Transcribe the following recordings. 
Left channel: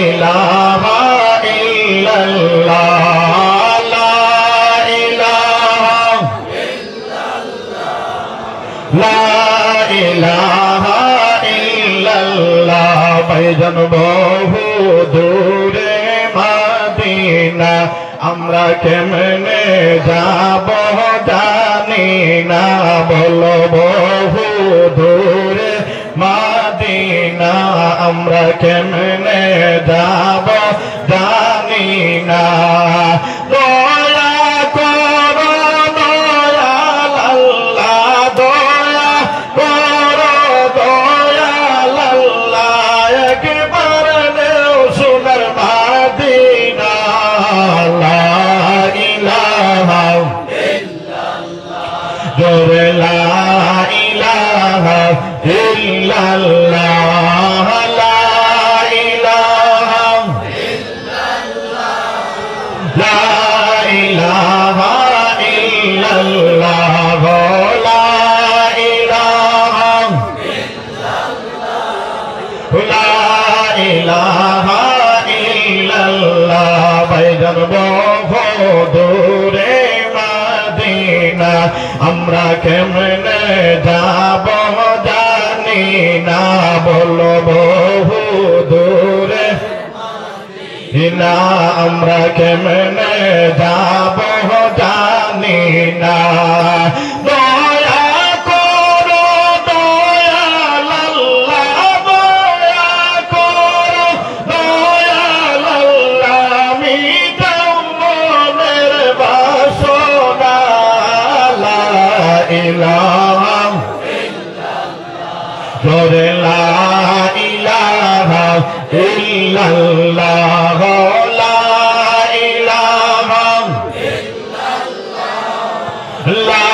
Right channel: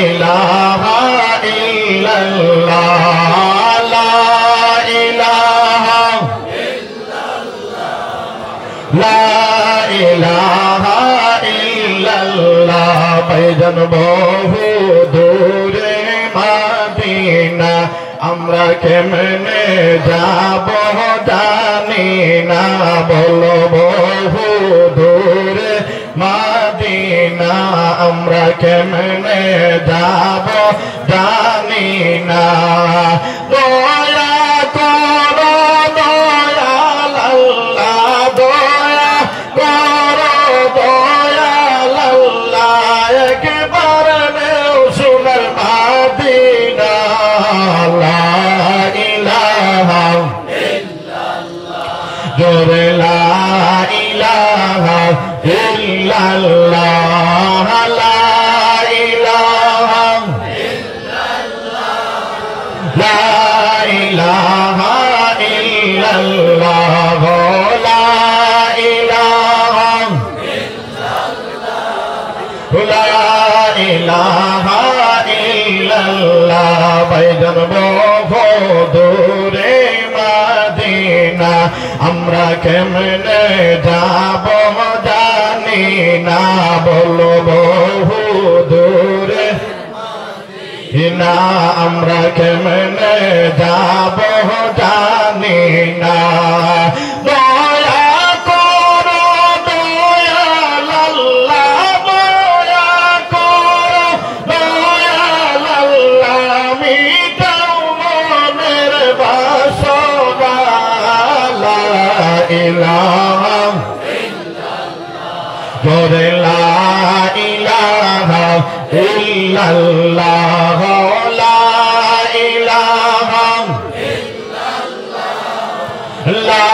ইলাহা ইল্লাল্লাহ লা ইলাহা লা ইলাহা ইল্লাল্লাহ ভাইজান বহু দূরে মদিনা আমরা কেমনে যাব জানি না বলো বহু দূরে মদিনা আমরা কেমনে যাব জানি না দয়া করো দয়াল আল্লাহ দয়া করো দয়াল আল্লাহ একবার নেও সোনার মদিনা লা ইলাহা ইল্লাল্লাহ জোরে লা ইলাহা ইল্লাল্লাহ লা ইলাহা ইল্লাল্লাহ লা ইলাহা ইল্লাল্লাহ লা ইলাহা ইল্লাল্লাহ লা ইলাহা ইল্লাল্লাহ ভাইজান বহু দূরে মদিনা আমরা কেমনে যাব জানি না বলো বহু দূরে মদিনা আমরা কেমনে যাব জানি না দয়া করো দয়াল আল্লাহ দয়া করো দয়াল আল্লাহ মিটাও মনের বাসনা লা ইলাহা জোরে লা ইলাহা ইল্লাল্লাহ লা ইলাহা ইল্লাল্লাহ লা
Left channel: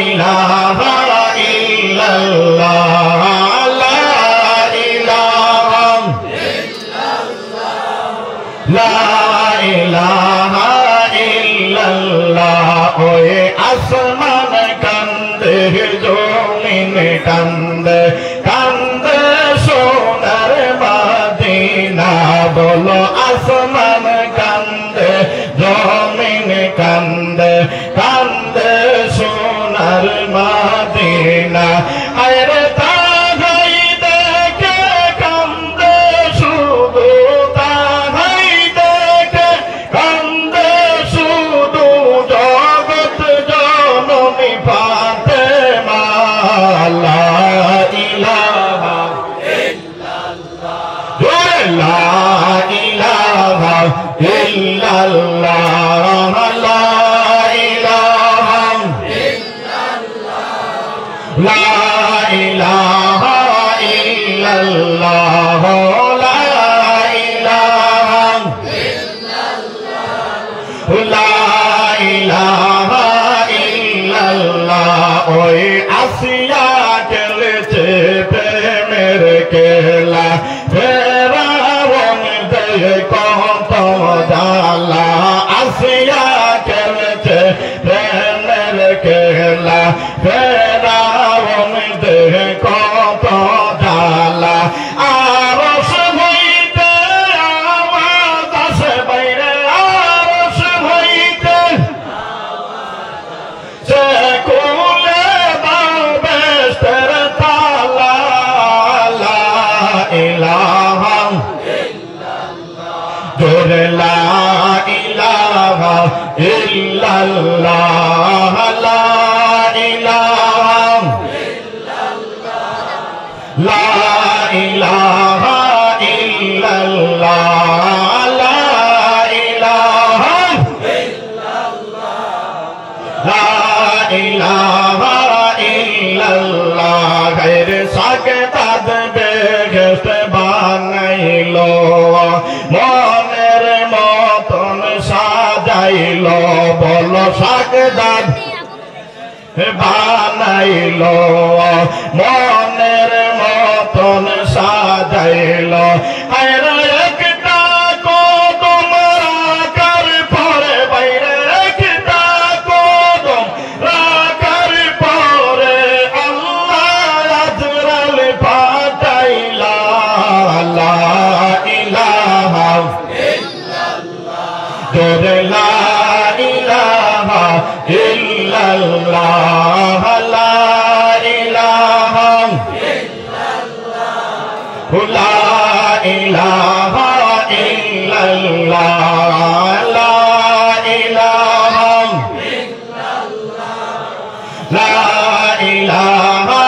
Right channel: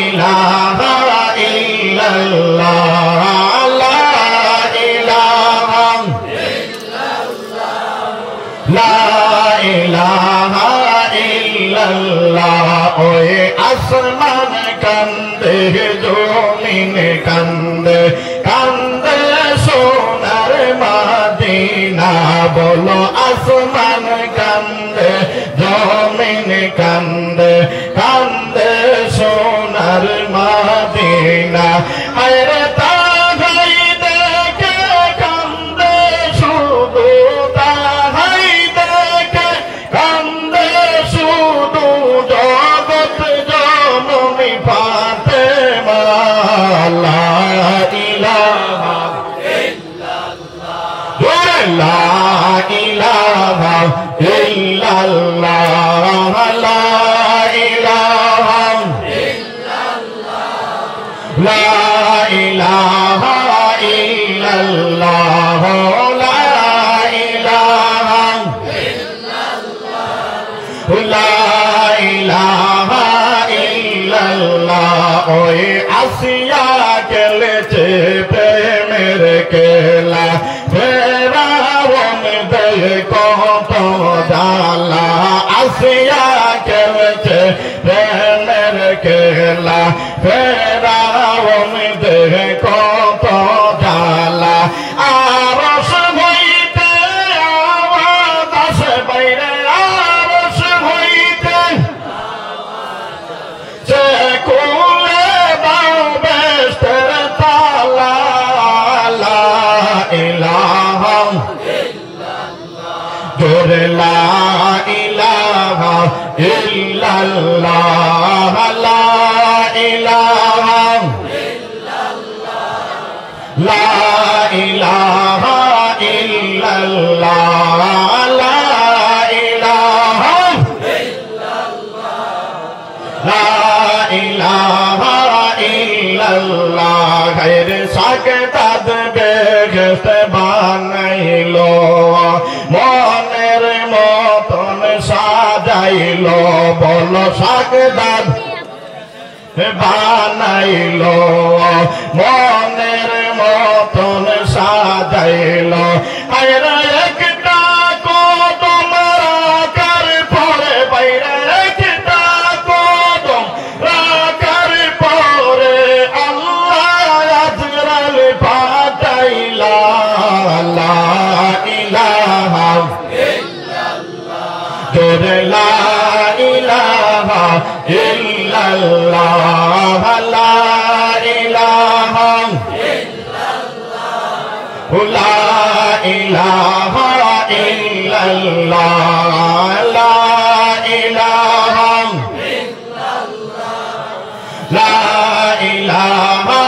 ইলাহা ইল্লাল্লাহ লা ইলাহা ইল্লাল্লাহ লা ইলাহা ইল্লাল্লাহ ওই আসমান কান্দে জমিন কান্দে কান্দে সোনার মদিনা বলো আসমান কান্দে জমিন কান্দে কান্দে সোনার মদিনা আরে তাহাই দেখে কান্দে শুধু তাহাই দেখে কান্দে শুধু জগৎ জননী ফাতেমা লা ইলাহা ইল্লাল্লাহ লা ইলাহা ইল্লাল্লাহ লা ইলাহা ইল্লাল্লাহ লা ইলাহা ইল্লাল্লাহ লা ইলাহা ইল্লাল্লাহ লা ইলাহা ইল্লাল্লাহ ওই আসিয়া খেলেছে প্রেমের খেলা ফেরাউন দেয় কত জ্বালা আসিয়া খেলেছে প্রেমের খেলা ফেরাউন দেয় কত জ্বালা আরশ হইতে আওয়াজ আসে বাইরে আরশ হইতে সে খুলে দাও বেহেশতের তালা লা ইলাহা ইল্লাল্লাহ জোরে লা ইলাহা ইল্লাল্লাহ লা ইলাহা ইল্লাল্লাহ লা ইলাহা ইল্লাল্লাহ লা ইলাহা ইল্লাল্লাহ লা ইলাহা ইল্লাল্লাহ গায়ের সাকতাদ বেহেশত বানাইলো মনের মতন সাজাইলো বলো সাকতাদ বানাইলো মনের মতন সাজাইলো আয়রা একটা কদম রাখার পরে বাইরে একটা কদম রাখার পরে আল্লাহ আজরাল পাঠাইলা লা ইলাহা ইল্লাল্লাহ লা ইলাহা লা ইলাহা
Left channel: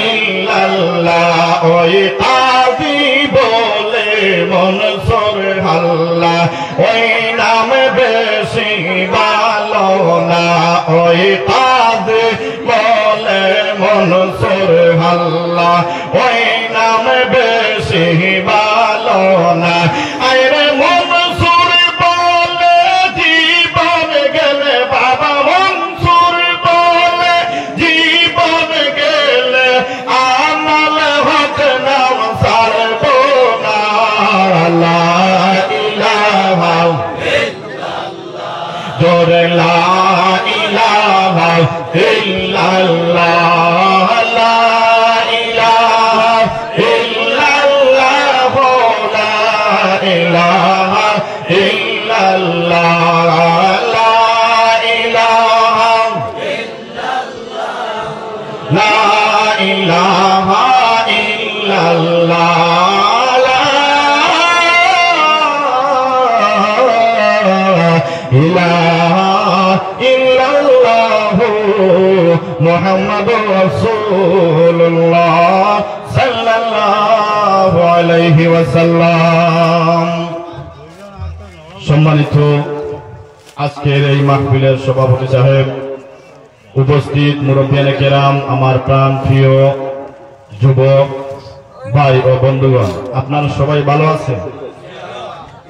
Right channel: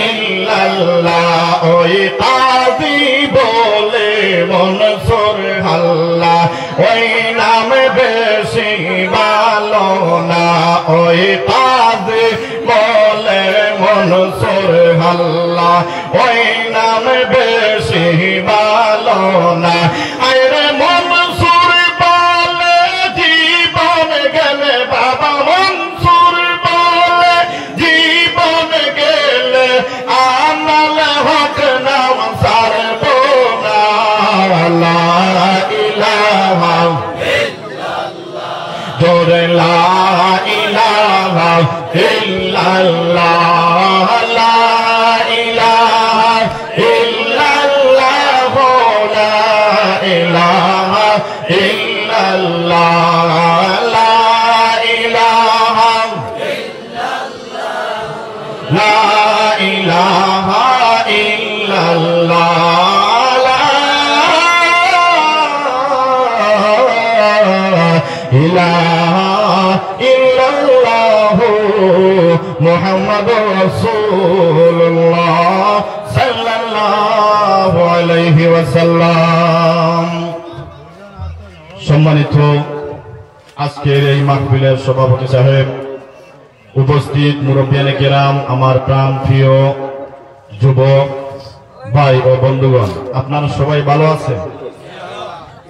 ইল্লাল্লাহ ওই কাজী বলে মনসুর আল্লাহ ওই নাম বেশি ভালো না ওই কাজী বলে মনসুর আল্লাহ ওই নাম বেশি ভালো না আরে মনসুর বলে জীবন গেলে বাবা মনসুর বলে জীবন গেলে আমল হক নাম সারব না লা ইলাহা ইল্লাল্লাহ জোরে লা ইলাহা ইল্লাল্লাহ লা ইলাহা ইল্লাল্লাহ লা ইলাহা ইল্লাল্লাহ লা ইলাহা ইল্লাল্লাহ লা ইলাহা ইল্লাল্লাহ লা ইলাহা ইল্লাল্লাহ মুহাম্মাদুর রাসূলুল্লাহ সাল্লাল্লাহু আলাইহি ওয়াসাল্লাম। সম্মানিত আজকের এই মাহফিলের সভাপতি সাহেব, উপস্থিত মুরব্বিয়ানে কেরাম, আমার প্রাণ প্রিয় যুবক ভাই ও বন্ধুগণ, আপনারা সবাই ভালো আছেন?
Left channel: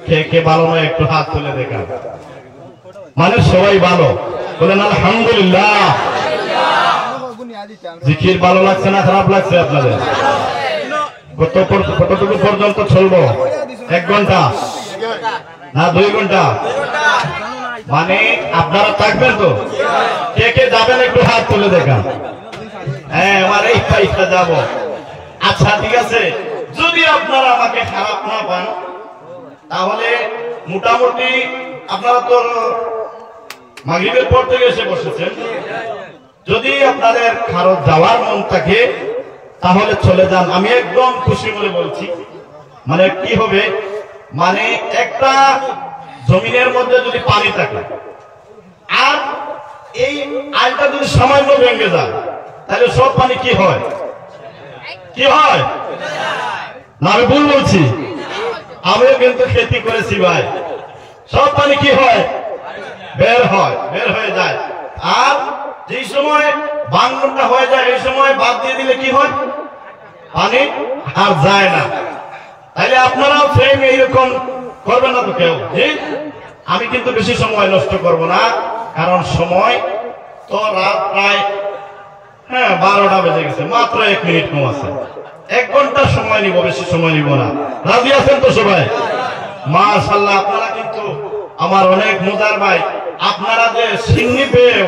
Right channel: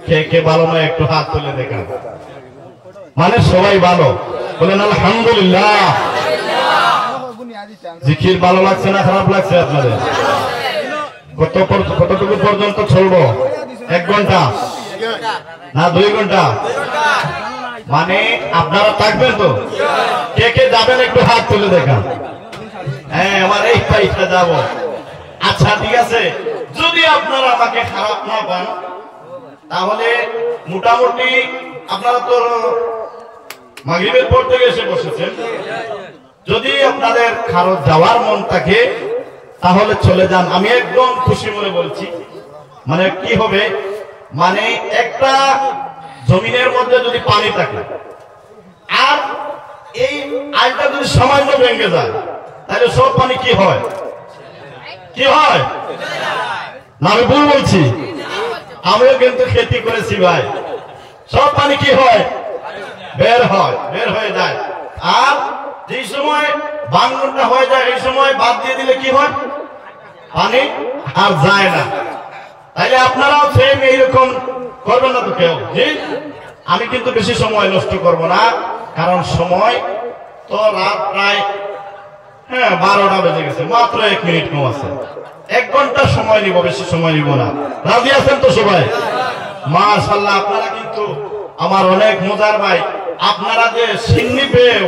কে কে ভালো না একটু হাত তুলে দেখান। মানে সবাই ভালো বলেন আলহামদুলিল্লাহ। জিকির ভালো লাগছে না খারাপ লাগছে আপনাদের? কতটুকু পর্যন্ত চলবো? 1 ঘন্টা না 2 ঘন্টা? মানে আপনারা থাকবেন তো? কে কে যাবেন একটু হাত তুলে দেখান। হ্যাঁ, আমার এই পাইটা যাবো। আচ্ছা ঠিক আছে, যদি আপনারা আমাকে খারাপ না পান তাহলে মোটামুটি আপনারা তো মাগরিবের পর থেকে এসে বসেছেন, যদি আপনাদের খারাপ যাওয়ার মন থাকে তাহলে চলে যান। আমি একদম খুশি মনে বলছি। মানে কি হবে, মানে একটা জমিনের মধ্যে যদি পানি থাকে আর এই আইলটা যদি সামান্য ভেঙে যায় তাহলে সব পানি কি হয়? কি হয় না? আমি ভুল বলছি? আমিও কিন্তু খেতি করেছি ভাই। সব পানি কি হয়? বের হয়, বের হয়ে যায়। আর যেই সময় ভাঙনটা হয়ে যায় এই সময় বাদ দিয়ে দিলে কি হয়? পানি আর যায় না। তাইলে আপনারাও সেম এইরকম করবেন না তো কেউ? জি, আমি কিন্তু বেশি সময় নষ্ট করব না, কারণ সময় তো রাত প্রায় 12টা বেজে গেছে, মাত্র 1 মিনিট কম আছে। 1 ঘন্টা সময় নিব, বেশি সময় নিব না। রাজি আছেন তো সবাই? মাশাআল্লাহ, আপনারা কিন্তু আমার অনেক মজার ভাই। আপনারা যে সিন্নি পেয়ে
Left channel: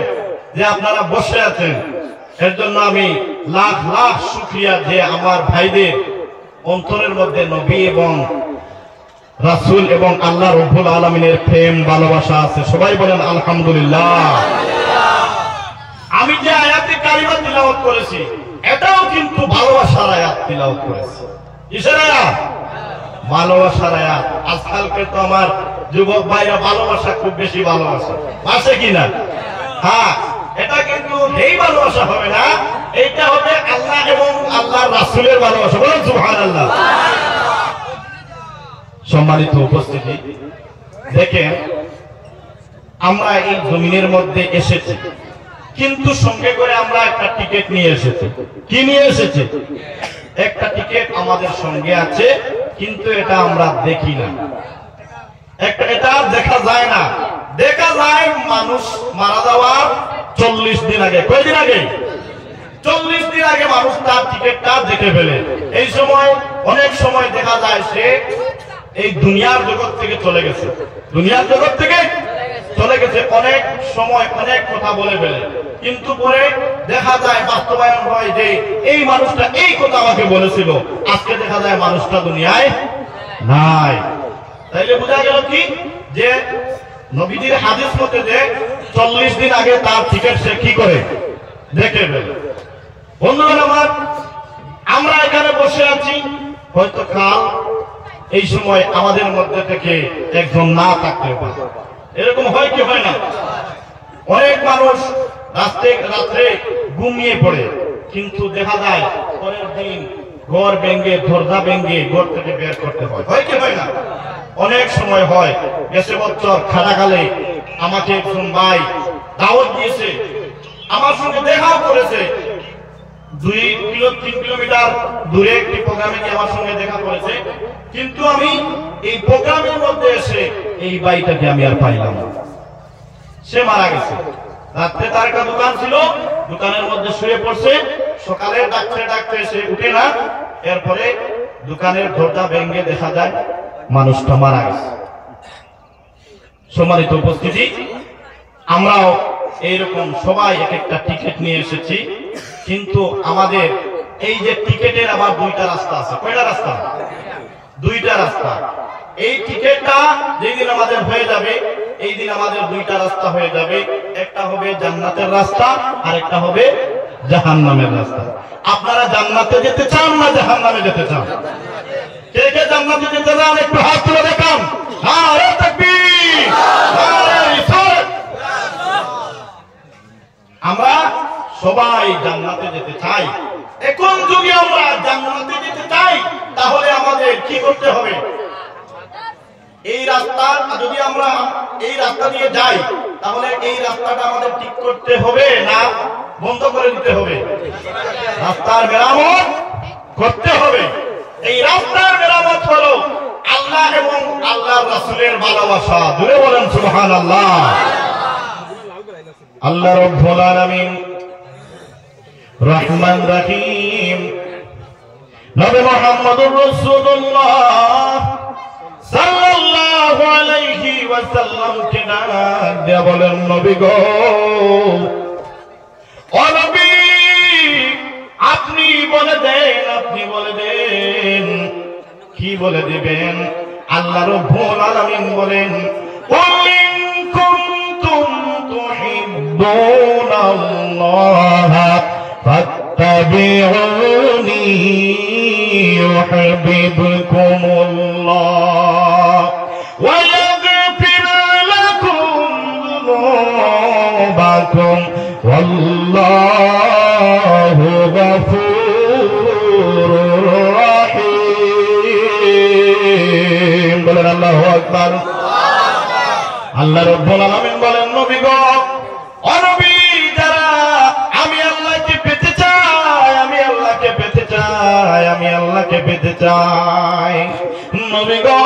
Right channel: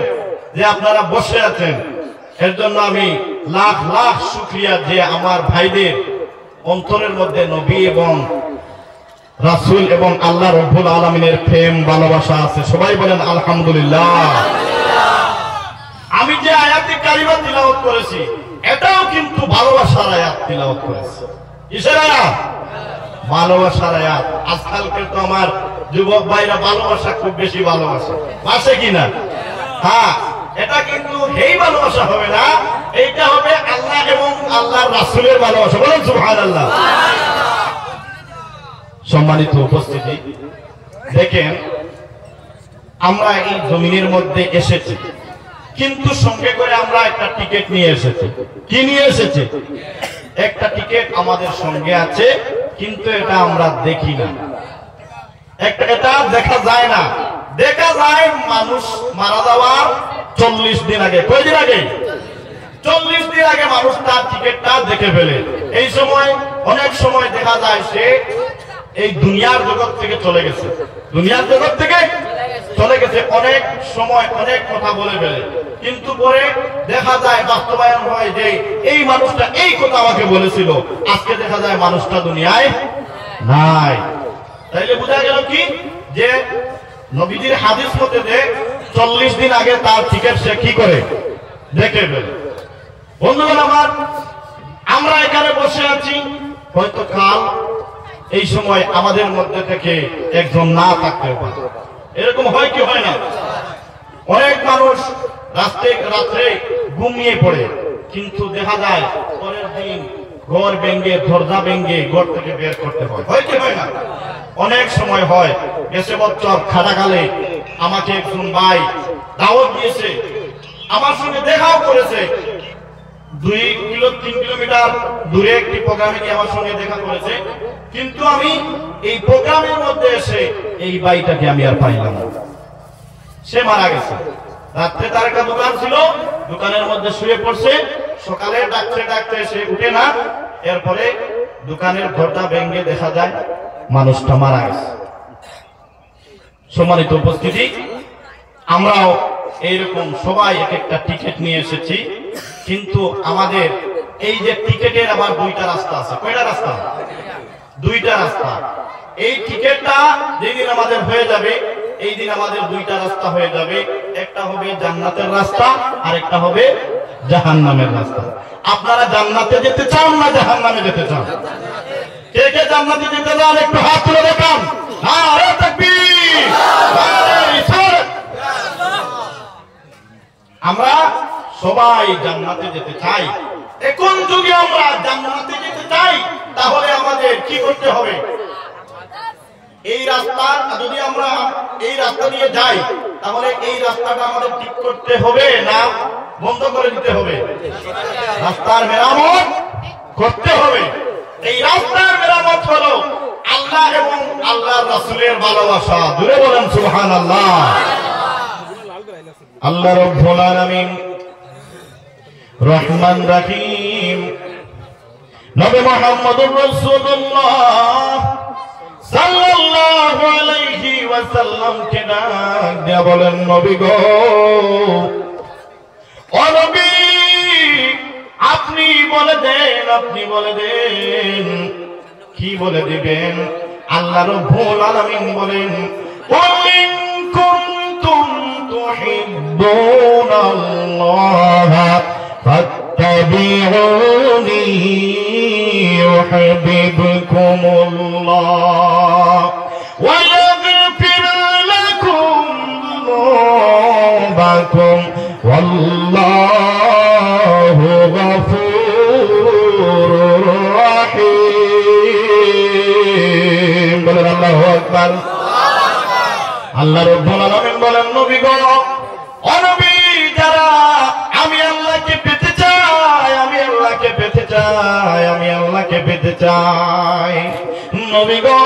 যে আপনারা বসে আছেন এর জন্য আমি লাখ লাখ শুকরিয়া যে আমার ভাইদের অন্তরের মধ্যে নবী এবং রাসূল এবং আল্লাহ রাব্বুল আলামিনের প্রেম ভালোবাসা আছে। সবাই বলেন আলহামদুলিল্লাহ। আমি যে আয়াতে কারিমা তিলাওয়াত করেছি এটাও কিন্তু ভালোবাসার আয়াত তিলাওয়াত করেছি। কিসের আয়াত? ভালোবাসার আয়াত। আজকালকে তো আমার যুবক ভাইরা ভালোবাসা খুব বেশি ভালোবাসে, বাসে কিনা? হ্যাঁ, এটা কিন্তু এই ভালোবাসা হবে না, এইটা হবে আল্লাহ এবং আল্লাহর রাসূলের ভালোবাসা। বলেন সুবহানাল্লাহ। সম্মানিত উপস্থিতি, দেখেন আমরা এই জমিনের মধ্যে এসেছি, কিন্তু সঙ্গে করে আমরা একটা টিকিট নিয়ে এসেছি। কি নিয়ে এসেছি? একটা টিকিট আমাদের সঙ্গে আছে, কিন্তু এটা আমরা দেখি না। এটা দেখা যায় না। দেখা যায় মানুষ মারা যাওয়ার 40 দিন আগে। কয়দিন আগে? 40 দিন আগে মানুষ তার টিকিটটা দেখে ফেলে। এই সময় অনেক সময় দেখা যায় সে এই দুনিয়ার জগৎ থেকে চলে গেছে। দুনিয়ার জগৎ থেকে চলে গেছে, অনেক সময় অনেক কথা বলে ফেলে, কিন্তু পরে দেখা যায় বাস্তবায়ন হয় যে এই মানুষটা এই কথা আমাকে বলেছিল, আজকে দেখা যায় মানুষটা দুনিয়ায় নাই। তাইলে বোঝা গেল কি যে নবীজির হাদিস মতে যে 40 দিন আগে তার টিকিট সে কি করে দেখে ফেলে। বন্ধুগণ আমার, আমরা এখানে বসে আছি, হয়তো কাল এই সময় আমাদের মধ্যে থেকে একজন না থাকতে পারে। এরকম হয় কি হয় না? অনেক মানুষ রাত্রে ঘুমিয়ে পড়ে, কিন্তু দেখা যায় পরের দিন ঘর ভেঙে দরজা ভেঙে ঘর থেকে বের করতে হয়। হয় কি হয় না? অনেক সময় হয়। বেশি বছর খাটাকালে আমাকে একজন ভাই দাওয়াত দিয়েছে, আমার সঙ্গে দেখাও করেছে। 2-3 কিলোমিটার দূরে একটি প্রোগ্রামে গিয়ে আমার সঙ্গে দেখা করেছে, কিন্তু আমি এই প্রোগ্রামের মধ্যে এসে এই ভাইটাকে আমি আর পাইলাম না। সে মারা গেছে। রাত্রে তার একটা দোকান ছিল, দোকানের মধ্যে শুয়ে পড়ছে। সকালে ডাকতে সে উঠে না। এরপরে দোকানের ঘরটা ভেঙে দেখা যায় মানুষটা মারা গেছে। সম্মানিত উপস্থিতি, আমরাও এইরকম সবাই এক একটা টিকিট নিয়ে এসেছি, কিন্তু আমাদের এই যে টিকিটের আবার 2টা রাস্তা আছে। কয়টা রাস্তা? 2টা রাস্তা। এই টিকিটটা যেদিন আমাদের হয়ে যাবে, এই দিন আমাদের 2টা রাস্তা হয়ে যাবে। একটা হবে জান্নাতের রাস্তা, আর একটা হবে জাহান্নামের রাস্তা। আপনারা জান্নাতে যেতে চান না জাহান্নামে যেতে চান? কে কে জান্নাতে যেতে চান একটু হাত তুলে দেখান। নারে তাকবীর, নারে রিসালাত। আমরা সবাই জান্নাতে যেতে চাই। এখন যদি আমরা জান্নাতে যেতে চাই, তাহলে আমাদের কি করতে হবে? এই রাস্তা যদি আমরা এই রাস্তা দিয়ে যাই, তাহলে এই রাস্তাটা আমাদের ঠিক করতে হবে না বন্ধ করে দিতে হবে? রাস্তার মেরামত করতে হবে। এই রাস্তার মেরামত হলো আল্লাহ এবং আল্লাহর রাসূলের ভালোবাসা। জোরে বলেন সুবহানাল্লাহ। আল্লাহ রাব্বুল আলামিন রহমান রহিম নবী মুহাম্মদুর রাসূলুল্লাহ সাল্লাল্লাহু আলাইহি ওয়াসাল্লাম কে ডাক দিয়া বলেন, নবী গো, ও নবী, আপনি বলে দেন। কি বলে দিবেন? আল্লাহ রাব্বুল আলামিন বলেন, ওয়াইন কুনতুম তুহিব্বুনাল্লাহ ফাত্তাবিউনি ইউহিব্বুকুমুল্লাহ ওয়া ইয়াগফির লাকুম যুনুবাকুম ওয়াল্লাহু গফুরুর রাহিম। বলেন আল্লাহু আকবার। আল্লাহ রাব্বুল আলামিন বলেন, নবী গো, ও নবী, যারা আমি আল্লাহকে পেতে চাই, আমি আল্লাহকে পেতে চাই, আমি আল্লাহকে পেতে চাই, নবী গো,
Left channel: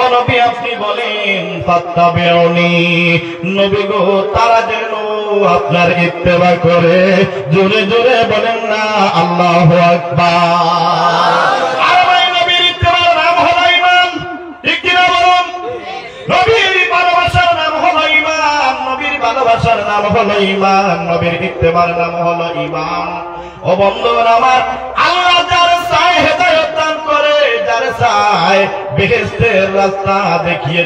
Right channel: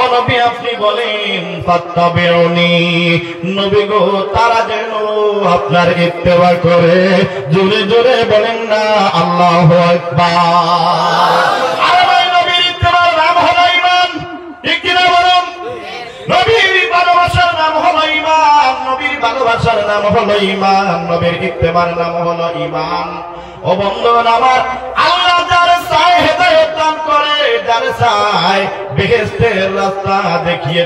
ও নবী, আপনি বলেন ফাত্তাবিউনি, নবী গো, তারা যেন আপনার ইত্তেবা করে। জোরে জোরে বলেন না আল্লাহু আকবার। আর ভাই, নবীর ইত্তেবার নাম হলো ঈমান। ঠিক কিনা বলুন? নবীর ভালোবাসার নাম হলো ঈমান। নবীর ভালোবাসার নাম হলো ঈমান। নবীর ইত্তেবার নাম হলো ঈমান। ও বন্ধুগণ আমার, আল্লাহ যার চায় হেদায়েত দান করে, যার চায় বেহেশতের রাস্তা দেখিয়ে